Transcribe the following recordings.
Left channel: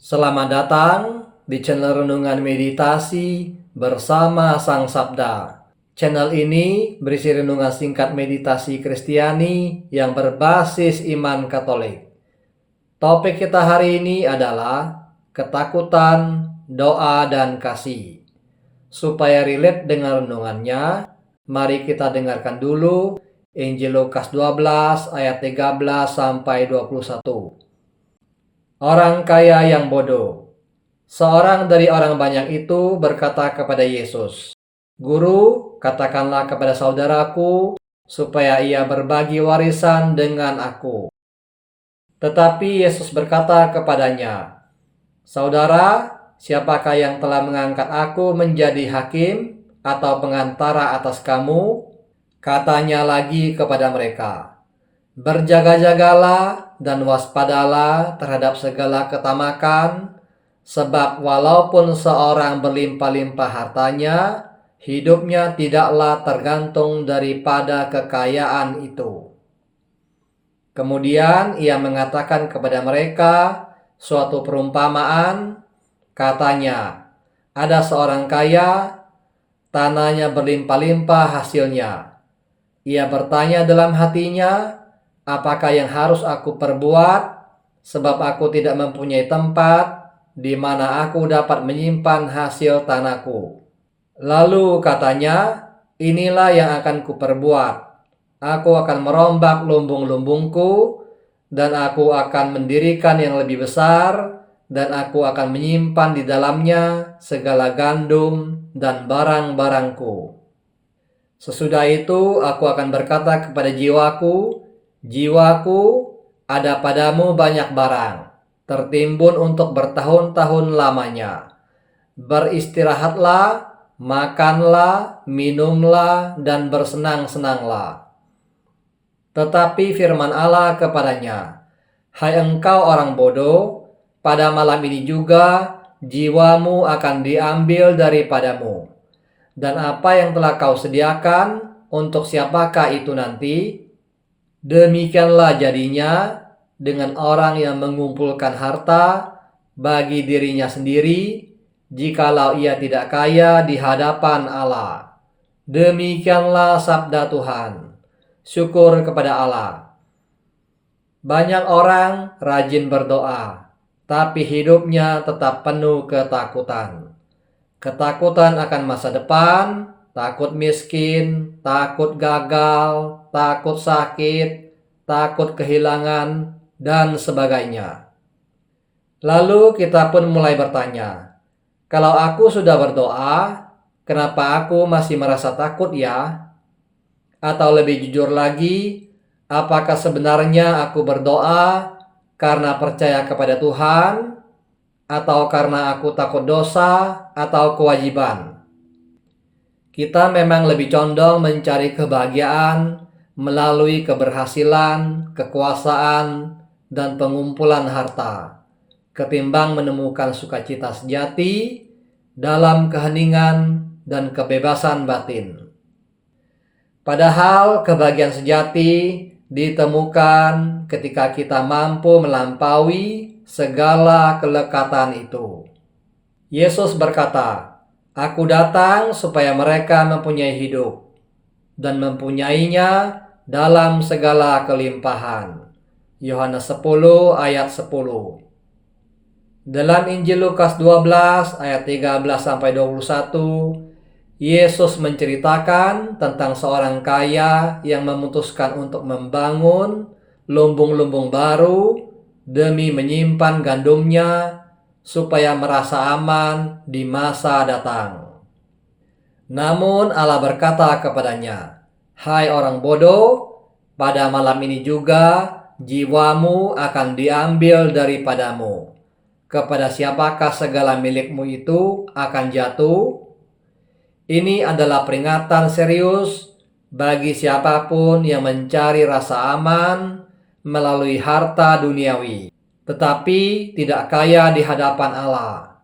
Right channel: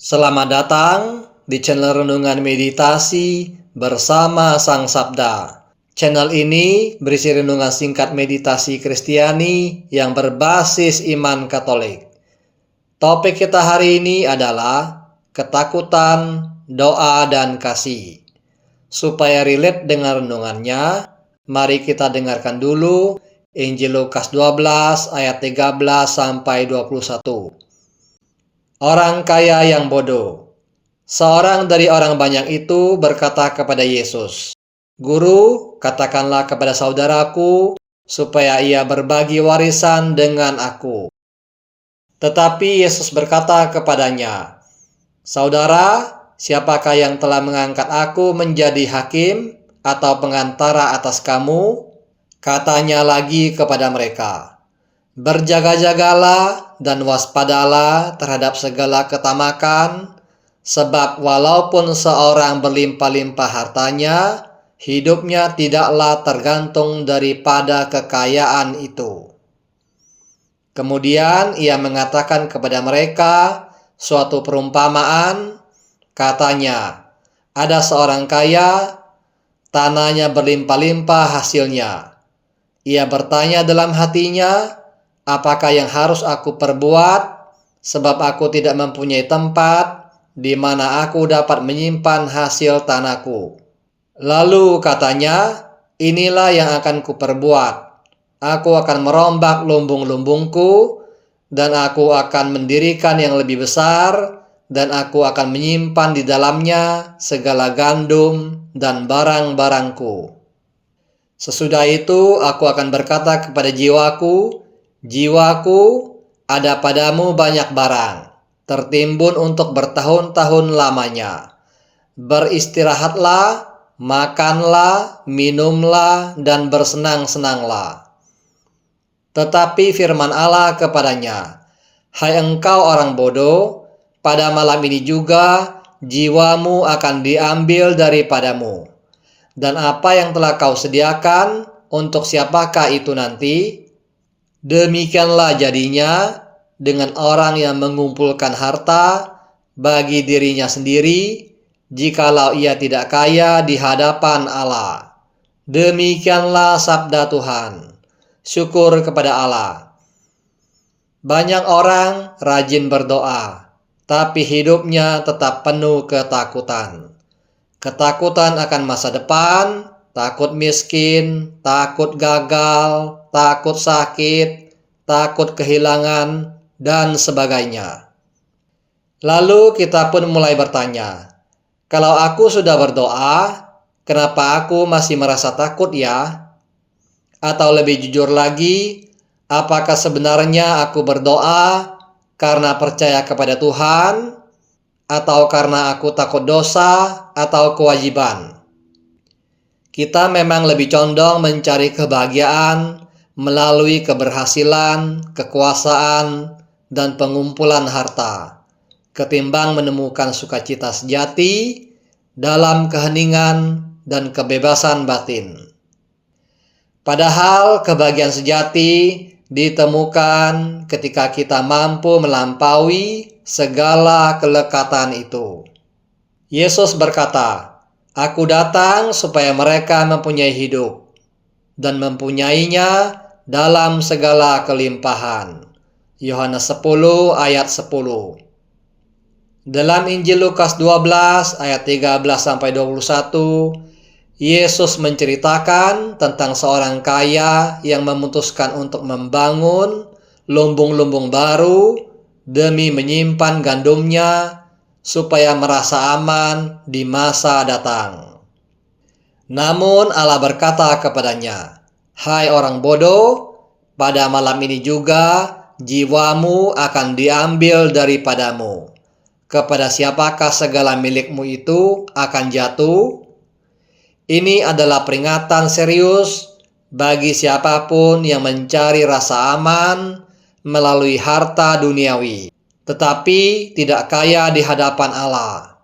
Selamat datang di channel Renungan Meditasi bersama Sang Sabda. Channel ini berisi renungan singkat meditasi Kristiani yang berbasis iman Katolik. Topik kita hari ini adalah ketakutan, doa, dan kasih. Supaya relate dengan renungannya, mari kita dengarkan dulu Injil Lukas 12 ayat 13 sampai 21. Orang kaya yang bodoh. Seorang dari orang banyak itu berkata kepada Yesus, "Guru, katakanlah kepada saudaraku supaya ia berbagi warisan dengan aku." Tetapi Yesus berkata kepadanya, "Saudara, siapakah yang telah mengangkat aku menjadi hakim atau pengantara atas kamu?" Katanya lagi kepada mereka, "Berjaga-jagalah dan waspadalah terhadap segala ketamakan, sebab walaupun seorang berlimpah-limpah hartanya, hidupnya tidaklah tergantung daripada kekayaan itu." Kemudian ia mengatakan kepada mereka suatu perumpamaan. Katanya, ada seorang kaya, tanahnya berlimpah-limpah hasilnya. Ia bertanya dalam hatinya, "Apakah yang harus aku perbuat? Sebab aku tidak mempunyai tempat di mana aku dapat menyimpan hasil tanahku." Lalu katanya, "Inilah yang akan kuperbuat. Aku akan merombak lumbung-lumbungku, dan aku akan mendirikan yang lebih besar, dan aku akan menyimpan di dalamnya segala gandum dan barang-barangku. Sesudah itu aku akan berkata kepada jiwaku, 'Jiwaku, ada padamu banyak barang, tertimbun untuk bertahun-tahun lamanya. Beristirahatlah, makanlah, minumlah, dan bersenang-senanglah.' Tetapi firman Allah kepadanya, 'Hai engkau orang bodoh, pada malam ini juga jiwamu akan diambil daripadamu. Dan apa yang telah kau sediakan, untuk siapakah itu nanti?' Demikianlah jadinya dengan orang yang mengumpulkan harta bagi dirinya sendiri, jikalau ia tidak kaya di hadapan Allah." Demikianlah sabda Tuhan. Syukur kepada Allah. Banyak orang rajin berdoa, tapi hidupnya tetap penuh ketakutan. Ketakutan akan masa depan, takut miskin, takut gagal, takut sakit, takut kehilangan, dan sebagainya. Lalu kita pun mulai bertanya, kalau aku sudah berdoa, kenapa aku masih merasa takut ya? Atau lebih jujur lagi, apakah sebenarnya aku berdoa karena percaya kepada Tuhan, atau karena aku takut dosa atau kewajiban? Kita memang lebih condong mencari kebahagiaan melalui keberhasilan, kekuasaan, dan pengumpulan harta, ketimbang menemukan sukacita sejati dalam keheningan dan kebebasan batin. Padahal kebahagiaan sejati ditemukan ketika kita mampu melampaui segala kelekatan itu. Yesus berkata, "Aku datang supaya mereka mempunyai hidup, dan mempunyainya dalam segala kelimpahan." Yohanes 10 ayat 10. Dalam Injil Lukas 12 ayat 13-21, Yesus menceritakan tentang seorang kaya yang memutuskan untuk membangun lumbung-lumbung baru demi menyimpan gandumnya supaya merasa aman di masa datang. Namun Allah berkata kepadanya, "Hai orang bodoh, pada malam ini juga jiwamu akan diambil daripadamu. Kepada siapakah segala milikmu itu akan jatuh?" Ini adalah peringatan serius bagi siapapun yang mencari rasa aman melalui harta duniawi, tetapi tidak kaya di hadapan Allah.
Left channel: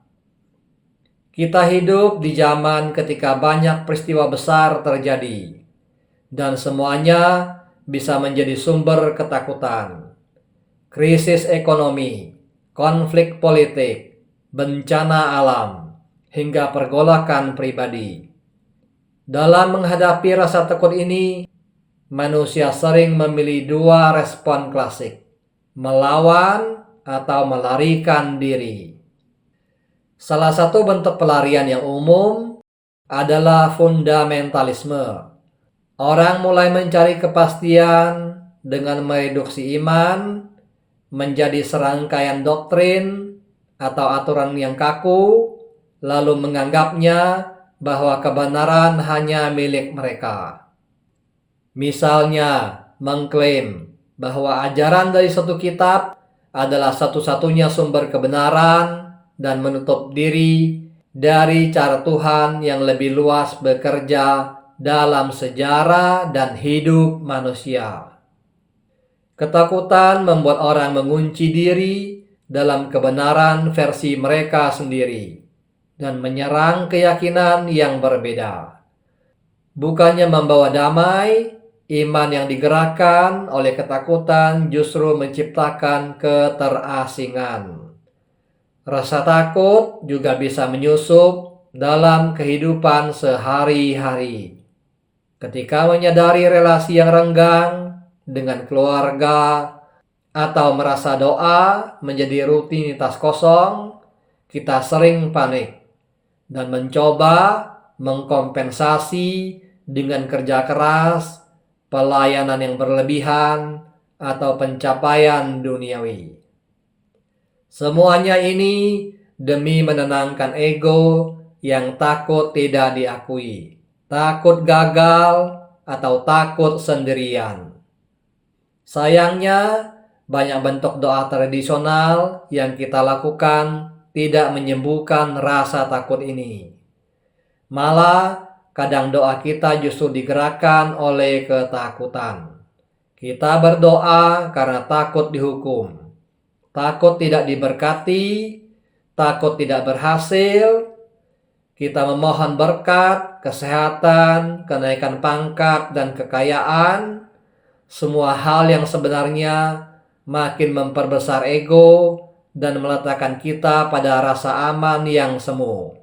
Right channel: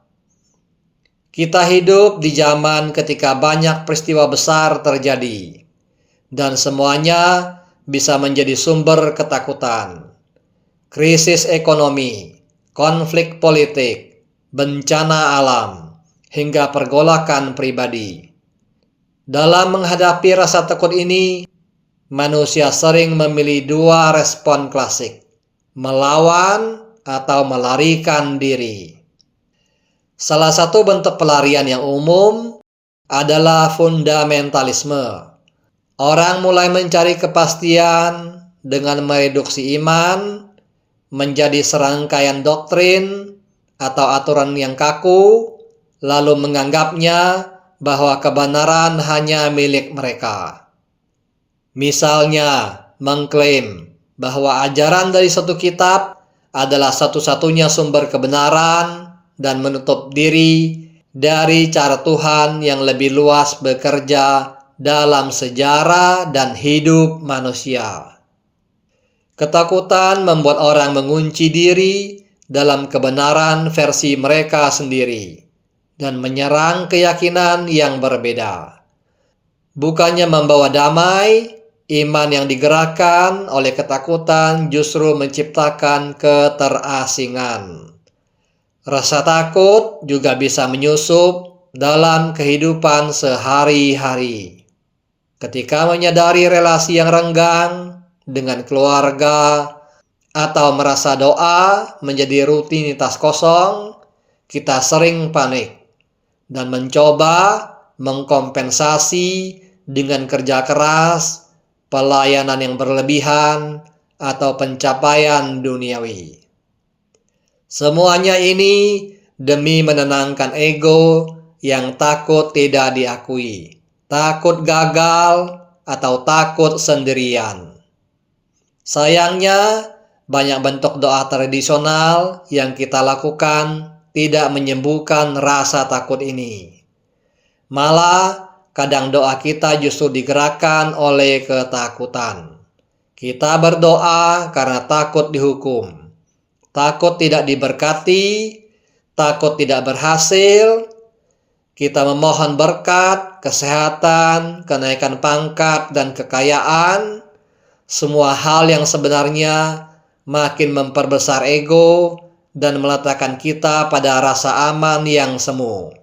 Kita hidup di zaman ketika banyak peristiwa besar terjadi, dan semuanya bisa menjadi sumber ketakutan. Krisis ekonomi, konflik politik, bencana alam, hingga pergolakan pribadi. Dalam menghadapi rasa takut ini, manusia sering memilih dua respon klasik: melawan atau melarikan diri. Salah satu bentuk pelarian yang umum adalah fundamentalisme. Orang mulai mencari kepastian dengan mereduksi iman menjadi serangkaian doktrin atau aturan yang kaku, lalu menganggapnya bahwa kebenaran hanya milik mereka. Misalnya, mengklaim bahwa ajaran dari satu kitab adalah satu-satunya sumber kebenaran dan menutup diri dari cara Tuhan yang lebih luas bekerja dalam sejarah dan hidup manusia. Ketakutan membuat orang mengunci diri dalam kebenaran versi mereka sendiri dan menyerang keyakinan yang berbeda. Bukannya membawa damai, iman yang digerakkan oleh ketakutan justru menciptakan keterasingan. Rasa takut juga bisa menyusup dalam kehidupan sehari-hari. Ketika menyadari relasi yang renggang dengan keluarga atau merasa doa menjadi rutinitas kosong, kita sering panik dan mencoba mengkompensasi dengan kerja keras, pelayanan yang berlebihan, atau pencapaian duniawi. Semuanya ini demi menenangkan ego yang takut tidak diakui, takut gagal, atau takut sendirian. Sayangnya, banyak bentuk doa tradisional yang kita lakukan tidak menyembuhkan rasa takut ini. Malah, kadang doa kita justru digerakkan oleh ketakutan. Kita berdoa karena takut dihukum, takut tidak diberkati, takut tidak berhasil. Kita memohon berkat, kesehatan, kenaikan pangkat, dan kekayaan. Semua hal yang sebenarnya makin memperbesar ego dan meletakkan kita pada rasa aman yang semu.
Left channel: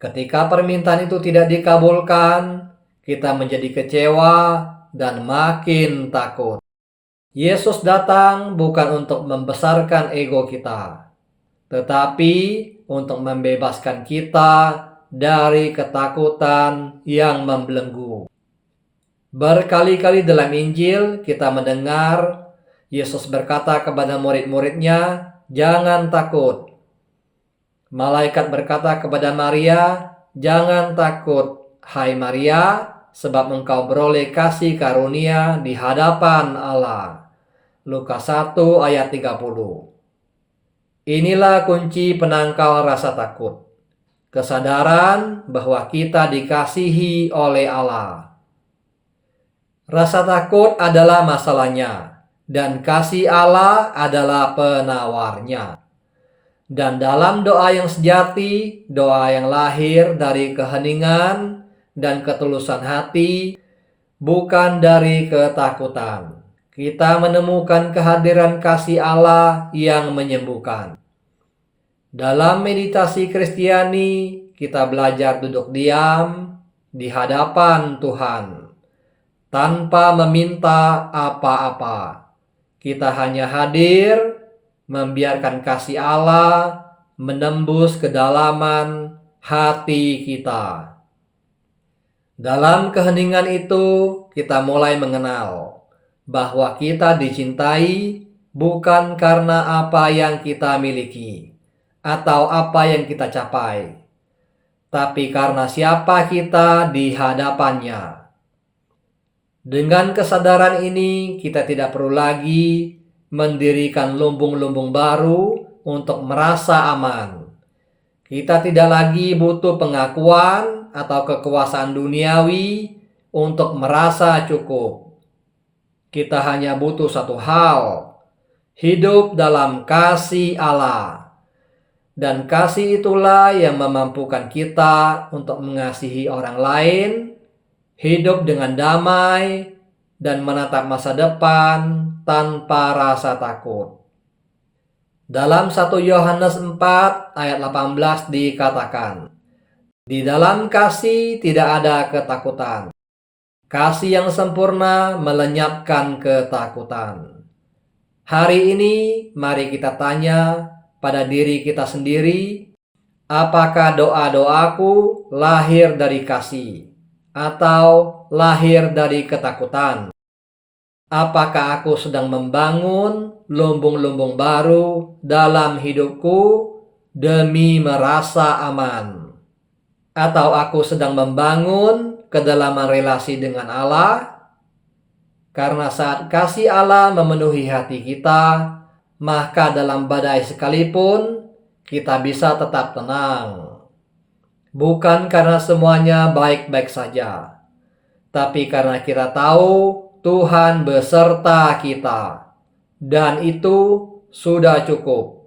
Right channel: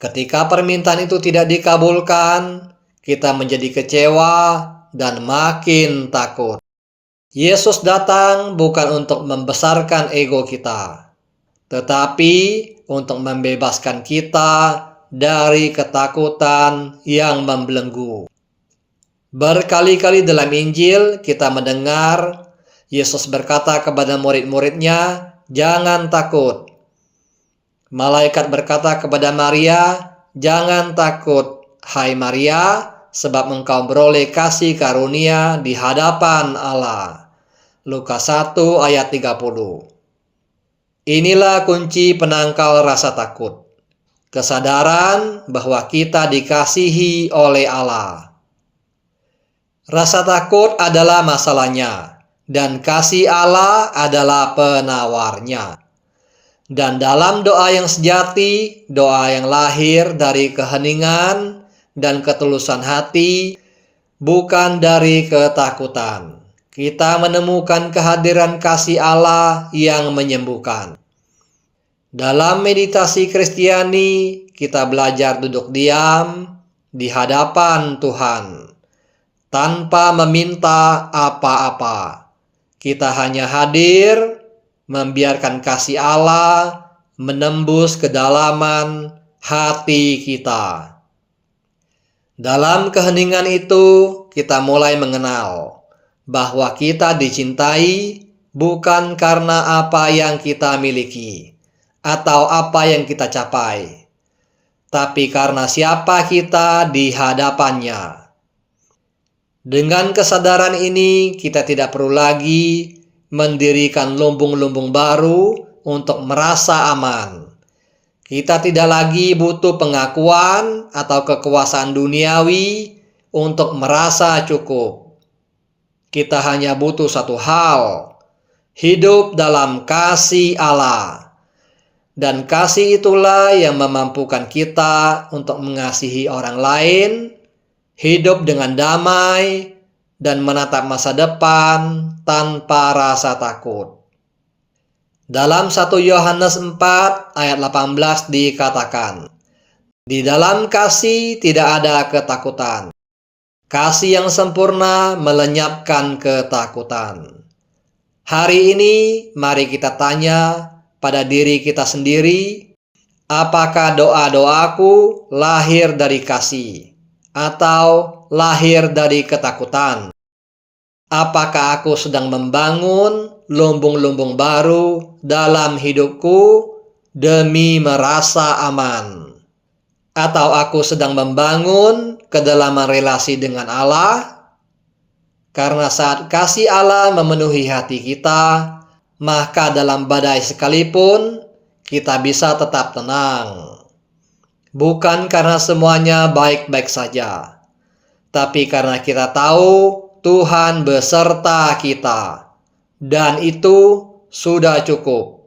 Ketika permintaan itu tidak dikabulkan, kita menjadi kecewa dan makin takut. Yesus datang bukan untuk membesarkan ego kita, tetapi untuk membebaskan kita dari ketakutan yang membelenggu. Berkali-kali dalam Injil kita mendengar Yesus berkata kepada murid-muridnya, "Jangan takut." Malaikat berkata kepada Maria, "Jangan takut, hai Maria, sebab engkau beroleh kasih karunia di hadapan Allah." Lukas 1 ayat 30. Inilah kunci penangkal rasa takut. Kesadaran bahwa kita dikasihi oleh Allah. Rasa takut adalah masalahnya, dan kasih Allah adalah penawarnya. Dan dalam doa yang sejati, doa yang lahir dari keheningan dan ketulusan hati, bukan dari ketakutan, kita menemukan kehadiran kasih Allah yang menyembuhkan. Dalam meditasi Kristiani, kita belajar duduk diam di hadapan Tuhan tanpa meminta apa-apa. Kita hanya hadir, membiarkan kasih Allah menembus kedalaman hati kita. Dalam keheningan itu, kita mulai mengenal bahwa kita dicintai bukan karena apa yang kita miliki atau apa yang kita capai, tapi karena siapa kita di hadapannya. Dengan kesadaran ini, kita tidak perlu lagi mendirikan lumbung-lumbung baru untuk merasa aman. Kita tidak lagi butuh pengakuan atau kekuasaan duniawi untuk merasa cukup. Kita hanya butuh satu hal, hidup dalam kasih Allah. Dan kasih itulah yang memampukan kita untuk mengasihi orang lain, hidup dengan damai, dan menatap masa depan tanpa rasa takut. Dalam 1 Yohanes 4 ayat 18 dikatakan, "Di dalam kasih tidak ada ketakutan. Kasih yang sempurna melenyapkan ketakutan." Hari ini mari kita tanya pada diri kita sendiri, apakah doa-doaku lahir dari kasih atau lahir dari ketakutan? Apakah aku sedang membangun lumbung-lumbung baru dalam hidupku demi merasa aman? Atau aku sedang membangun kedalaman relasi dengan Allah? Karena saat kasih Allah memenuhi hati kita, maka dalam badai sekalipun kita bisa tetap tenang. Bukan karena semuanya baik-baik saja, tapi karena kita tahu Tuhan beserta kita, dan itu sudah cukup.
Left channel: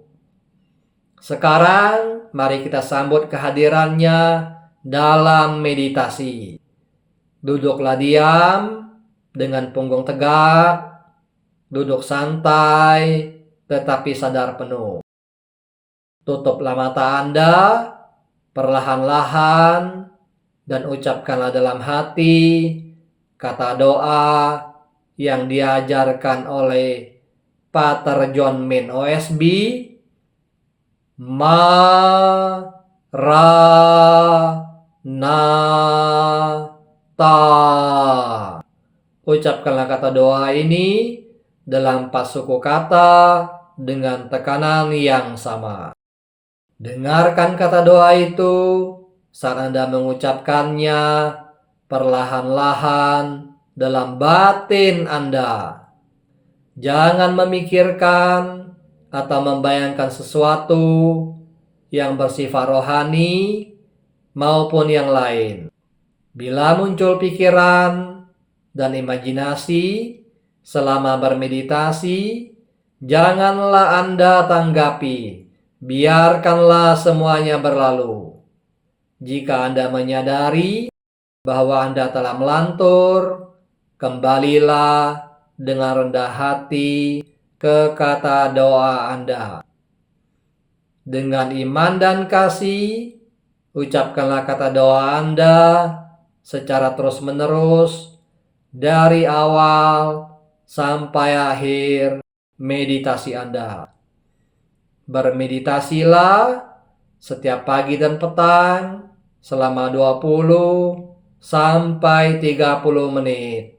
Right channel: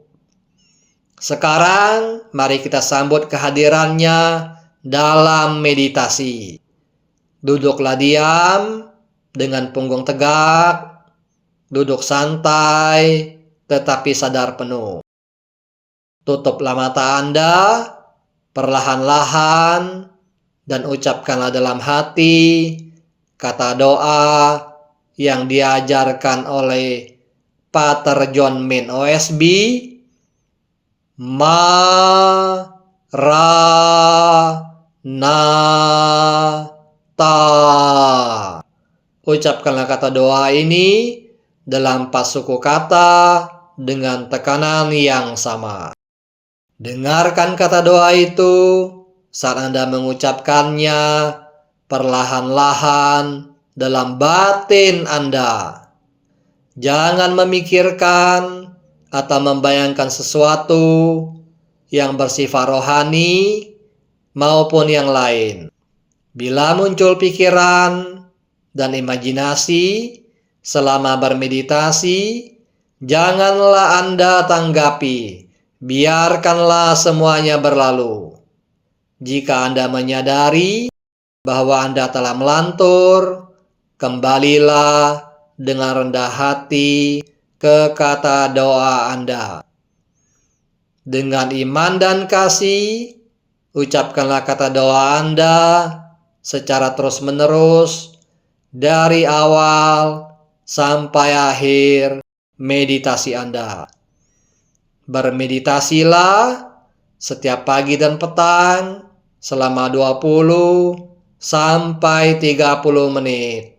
Sekarang mari kita sambut kehadirannya dalam meditasi. Duduklah diam dengan punggung tegak, duduk santai tetapi sadar penuh. Tutuplah mata Anda perlahan-lahan dan ucapkanlah dalam hati kata doa yang diajarkan oleh Pater John Min OSB, Maranatha. Ucapkanlah kata doa ini dalam 4 suku kata dengan tekanan yang sama. Dengarkan kata doa itu saat Anda mengucapkannya perlahan-lahan dalam batin Anda. Jangan memikirkan atau membayangkan sesuatu yang bersifat rohani maupun yang lain. Bila muncul pikiran dan imajinasi selama bermeditasi, janganlah Anda tanggapi. Biarkanlah semuanya berlalu. Jika Anda menyadari bahwa Anda telah melantur, kembalilah dengan rendah hati ke kata doa Anda. Dengan iman dan kasih, ucapkanlah kata doa Anda secara terus-menerus dari awal sampai akhir meditasi Anda. Bermeditasilah setiap pagi dan petang selama 20 sampai 30 menit.